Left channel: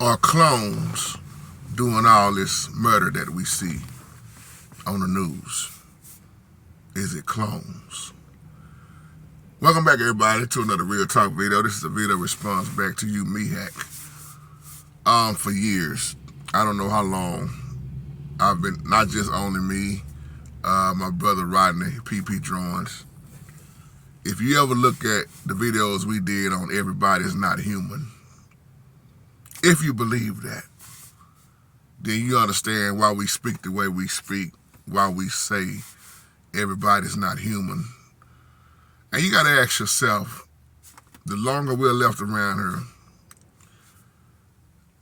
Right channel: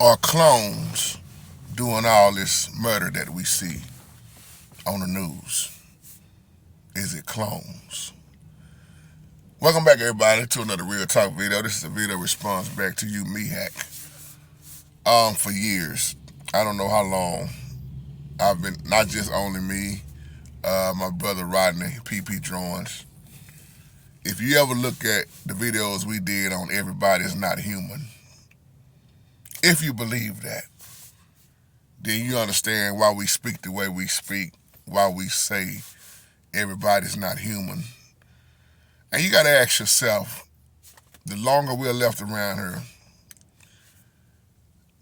Are clones doing all this murder that we see on the news? Is it clones? Welcome back, everybody, to another Real Talk video. This is a video response back to you, Mehak. For years, I don't know how long, I've been, not just only me, my brother Rodney, PP Drawings. If you ever look at the videos we did on Everybody Is Not Human, if you believe that, then you understand why we speak the way we speak, why we say everybody's not human. And you got to ask yourself, the longer we're left around here,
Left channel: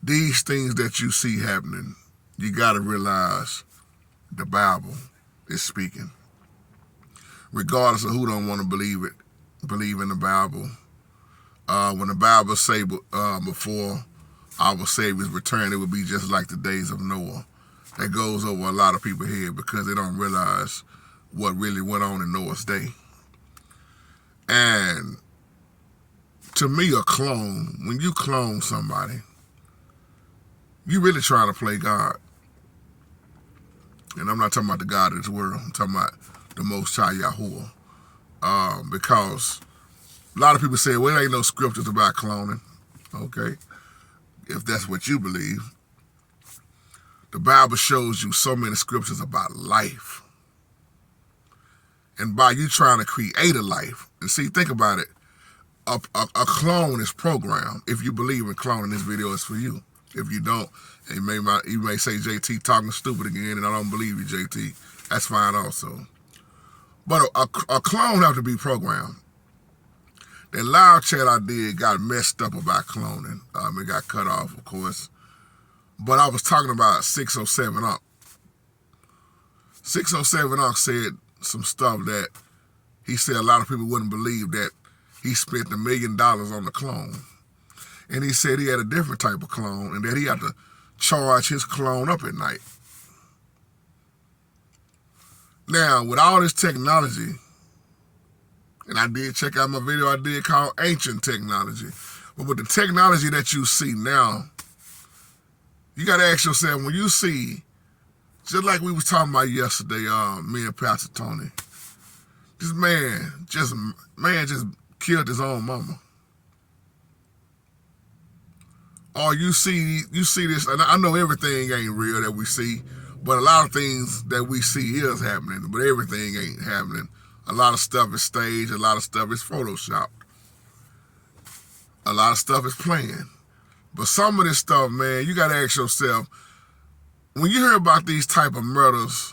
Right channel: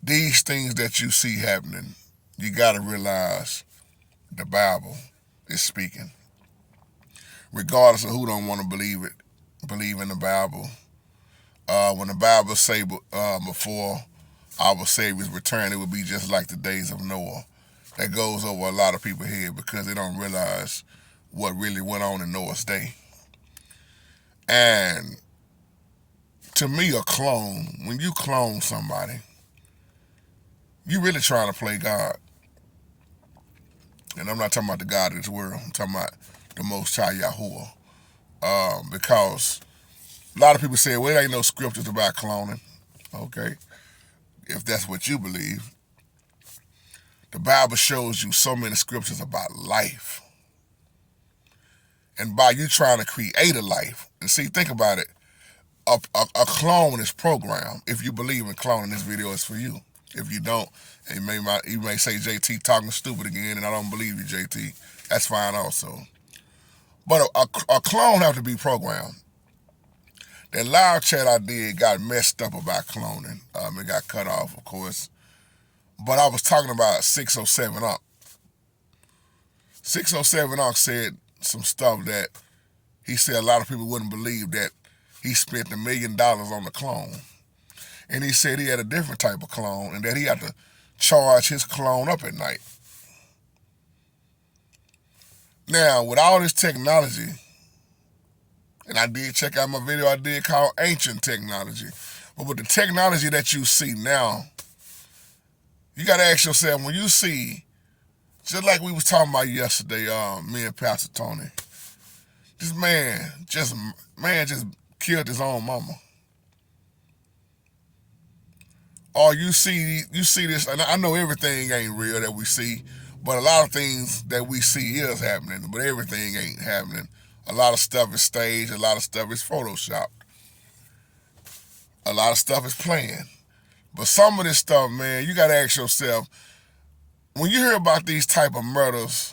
these things that you see happening, you got to realize the Bible is speaking. Regardless of who don't want to believe it, believe in the Bible. When the Bible say before our Savior's return, it would be just like the days of Noah. That goes over a lot of people's head because they don't realize what really went on in Noah's day. And to me, a clone, when you clone somebody, you really trying to play God. And I'm not talking about the God of this world. I'm talking about the Most High Yahoo. Because a lot of people say, well, there ain't no scriptures about cloning. Okay. If that's what you believe. The Bible shows you so many scriptures about life. And by you trying to create a life, and see, think about it, a clone is programmed. If you believe in cloning, this video is for you. If you don't, and you may say, JT talking stupid again, and I don't believe you, JT. That's fine also. But a clone have to be programmed. That live chat I did got messed up about cloning. It got cut off, of course. But I was talking about 607 Unc. 607 Unc said some stuff that he said a lot of people wouldn't believe, that he spent $1 million on the clone. And he said he had a different type of clone and that he had to charge his clone up at night. Now, with all this technology, and I did check out my video I did called Ancient Technology. But with the technology that you see now, you got to ask yourself, when you see, just like we was talking about yesterday, me and Pastor Tony, this man just killed his own mama. Or you see this, and I know everything ain't real that we see, but a lot of things that we see is happening, but everything ain't happening. A lot of stuff is staged. A lot of stuff is photoshopped. A lot of stuff is planned. But some of this stuff, man, you got to ask yourself, when you hear about these type of murders,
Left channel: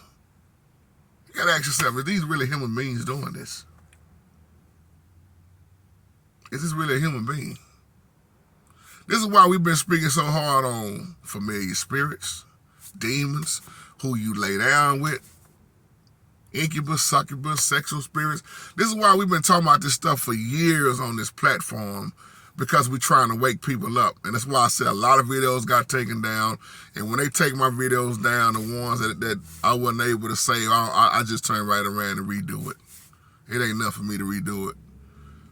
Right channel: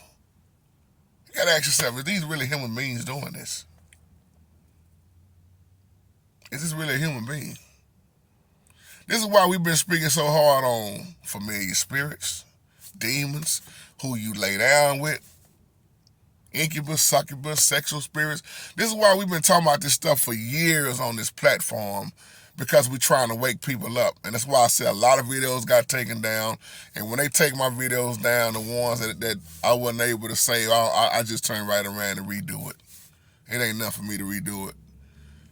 you got to ask yourself, is these really human beings doing this? Is this really a human being? This is why we've been speaking so hard on familiar spirits, demons, who you lay down with, incubus, succubus, sexual spirits. This is why we've been talking about this stuff for years on this platform, because we're trying to wake people up. And that's why I said a lot of videos got taken down. And when they take my videos down, the ones that I wasn't able to save, I just turn right around and redo it. It ain't enough for me to redo it.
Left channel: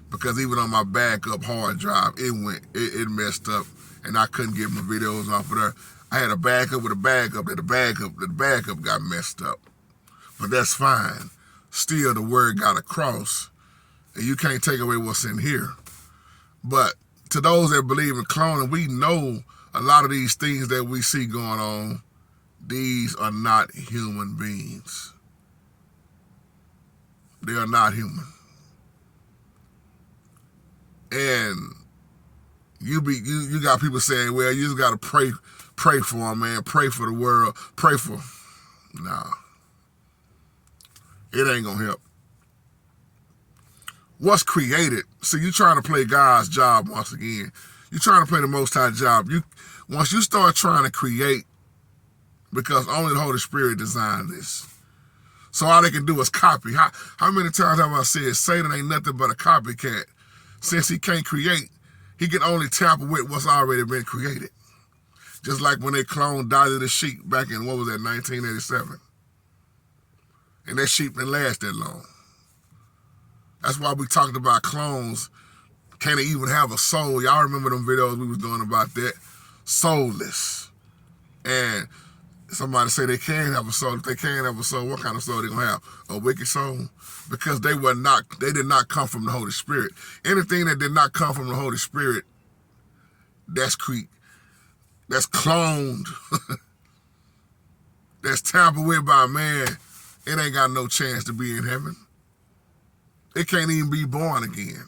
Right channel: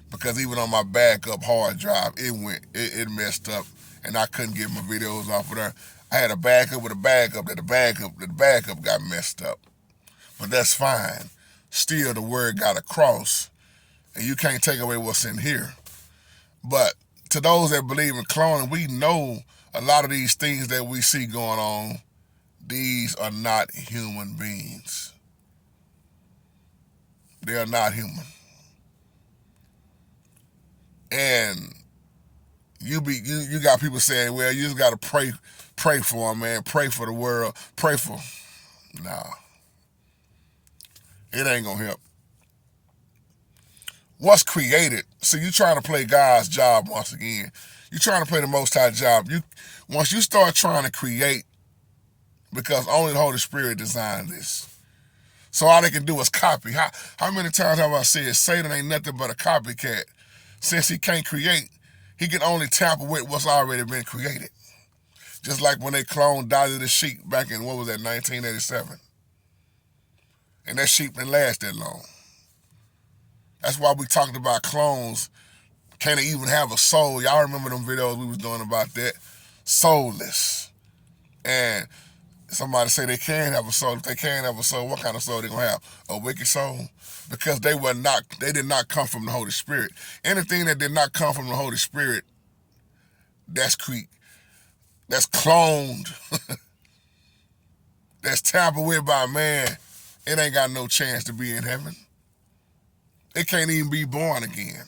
Because even on my backup hard drive, it messed up. And I couldn't get my videos off of there. I had a backup with a backup, that the backup got messed up. But that's fine. Still, the word got across, and you can't take away what's in here. But to those that believe in cloning, we know a lot of these things that we see going on, these are not human beings. They are not human. And you got people saying, well, you just got to pray for them, man. Pray for the world. Pray for. Nah. It ain't gonna help. What's created? See, you trying to play God's job once again. You trying to play the Most High job. Once you start trying to create, because only the Holy Spirit designed this. So all they can do is copy. How many times have I said Satan ain't nothing but a copycat? Since he can't create, he can only tamper with what's already been created. Just like when they cloned Dolly the sheep back in, 1987. And that sheep didn't last that long. That's why we talked about clones. Can they even have a soul? Y'all remember them videos we was doing about that? soulless. And somebody say they can have a soul. If they can have a soul, what kind of soul they gonna have? A wicked soul? Because they did not come from the Holy Spirit. Anything that did not come from the Holy Spirit, that's cloned, that's tampered with by man, it ain't got no chance to be in heaven. It can't even be born again.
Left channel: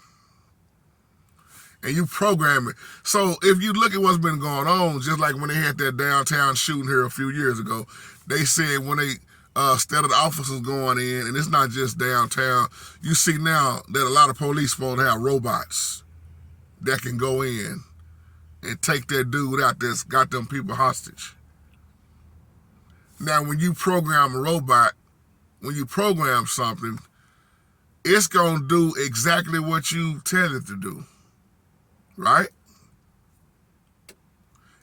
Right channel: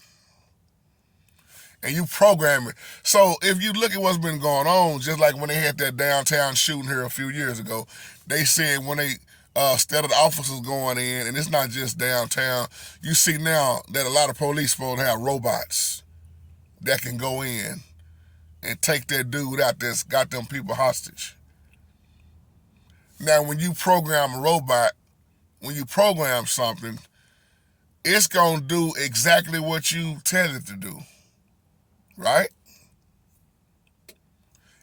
And you program it. So if you look at what's been going on, just like when they had that downtown shooting here a few years ago, they said when they instead of the officers going in, and it's not just downtown, you see now that a lot of police supposed to have robots that can go in and take that dude out that's got them people hostage. Now, when you program a robot, when you program something, it's going to do exactly what you tell it to do, right?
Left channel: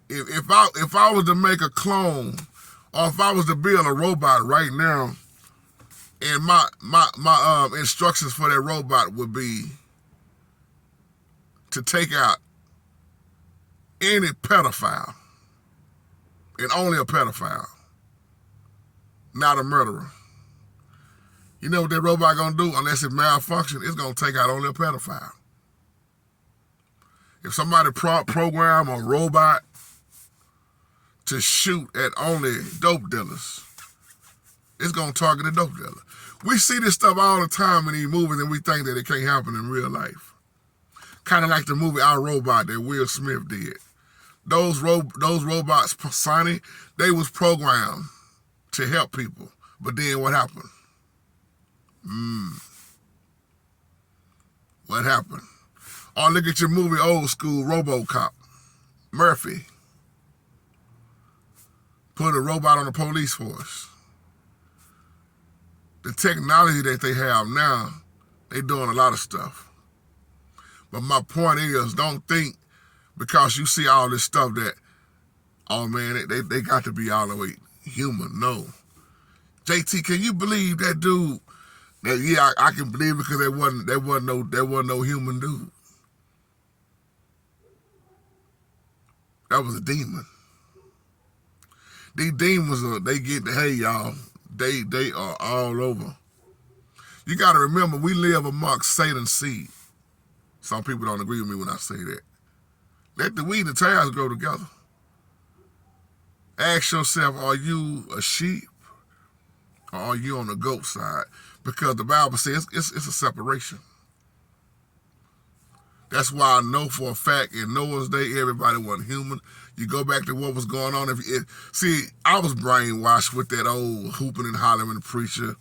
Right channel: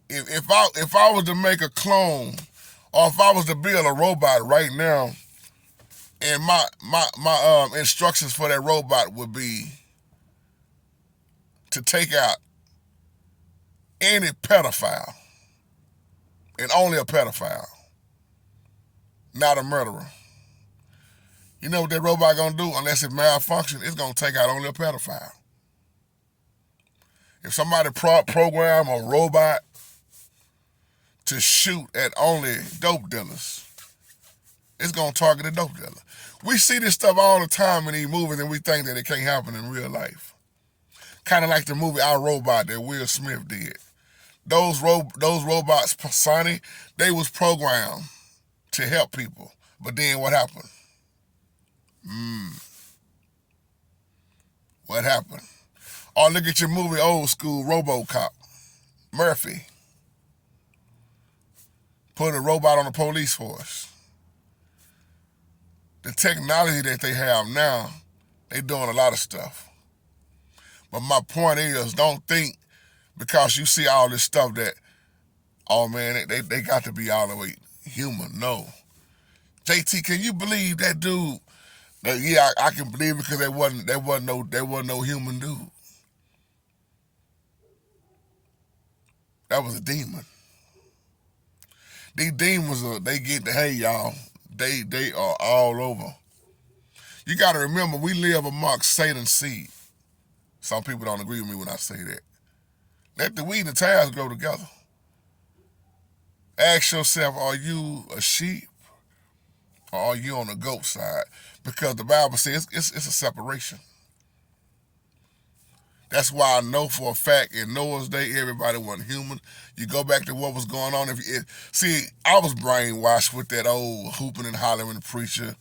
If I was to make a clone, or if I was to build a robot right now, and my instructions for that robot would be to take out any pedophile, and only a pedophile, not a murderer. You know what that robot gonna do? Unless it malfunctions, it's gonna take out only a pedophile. If somebody program a robot to shoot at only dope dealers, it's gonna target a dope dealer. We see this stuff all the time in these movies, and we think that it can't happen in real life. Kind of like the movie I, Robot that Will Smith did. Those robots, Sonny, they was programmed to help people. But then what happened? What happened? Or look at your movie Old School, RoboCop. Murphy put a robot on the police force. The technology that they have now, they doing a lot of stuff. But my point is, don't think because you see all this stuff that, oh man, they got to be all the way human. No. JT, can you believe that dude? That, yeah, I can believe it because there wasn't no human dude. That was a demon. These demons hey y'all, they are all over. You got to remember, we live amongst Satan's seed. Some people don't agree with me when I say that. Let the wheat and the tares grow together. Ask yourself, are you a sheep or are you on the goat side? Because the Bible says it's a separation. That's why I know for a fact in Noah's day, everybody wasn't human. You go back to what was going on. See, I was brainwashed with that old hooping and hollering preacher.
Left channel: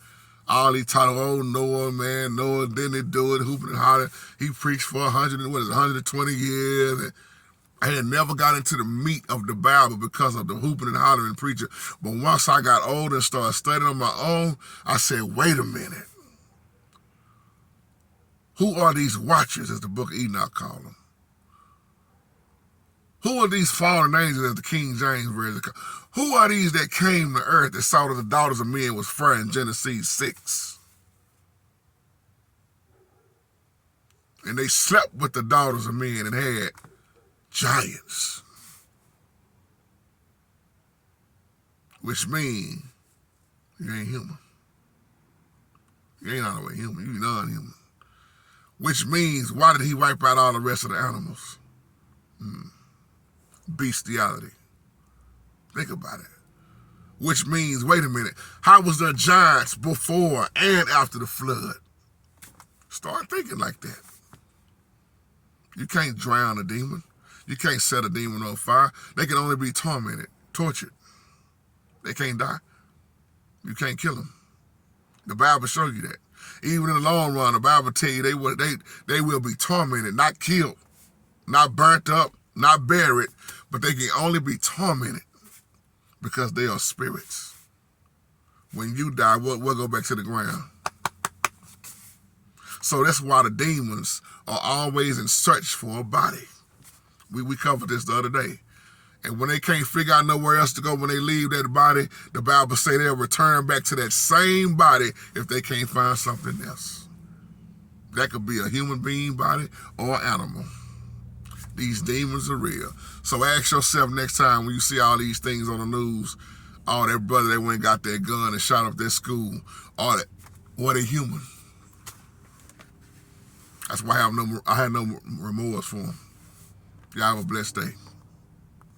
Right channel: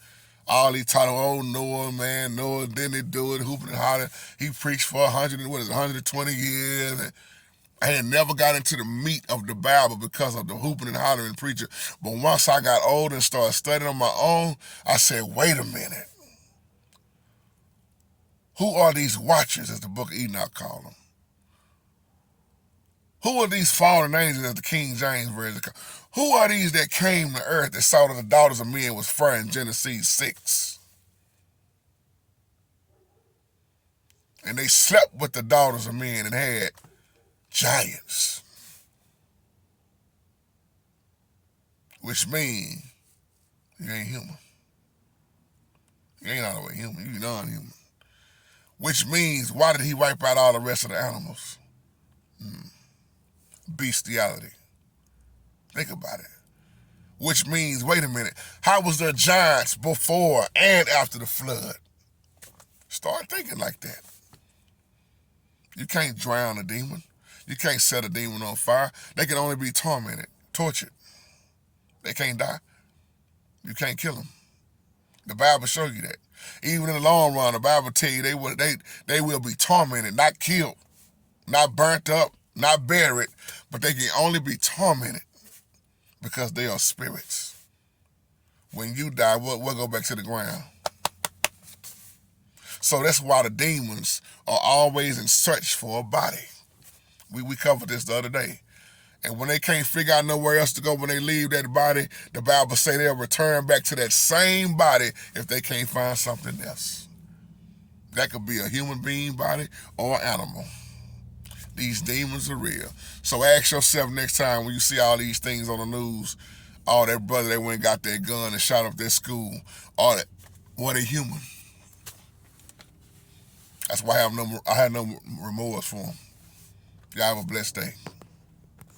All he taught, oh, Noah, man, Noah, didn't he do it, hooping and hollering. He preached for 120 years. And I had never got into the meat of the Bible because of the hooping and hollering preacher. But once I got older and started studying on my own, I said, wait a minute. Who are these watchers, as the book of Enoch called them? Who are these fallen angels, as the King James Version called them? Who are these that came to earth that saw that the daughters of men was fair in Genesis 6? And they slept with the daughters of men and had giants. Which means you ain't human. You ain't all the way human, you non-human. Which means, why did he wipe out all the rest of the animals? Bestiality. Think about it. Which means, wait a minute, how was there giants before and after the flood? Start thinking like that. You can't drown a demon. You can't set a demon on fire. They can only be tormented, tortured. They can't die. You can't kill them. The Bible shows you that. Even in the long run, the Bible tell you they will be tormented, not killed, not burnt up, not buried, but they can only be tormented because they are spirits. When you die, we'll go back to the ground. So that's why the demons are always in search for a body. We covered this the other day. And when they can't figure out nowhere else to go, when they leave that body, the Bible say they'll return back to that same body if they can't find something else. That could be a human being body or an animal. These demons are real. So ask yourself next time when you see all these things on the news, all that brother that went and got that gun and shot up their school, all that, what a human. That's why I have no remorse for them. Y'all have a blessed day.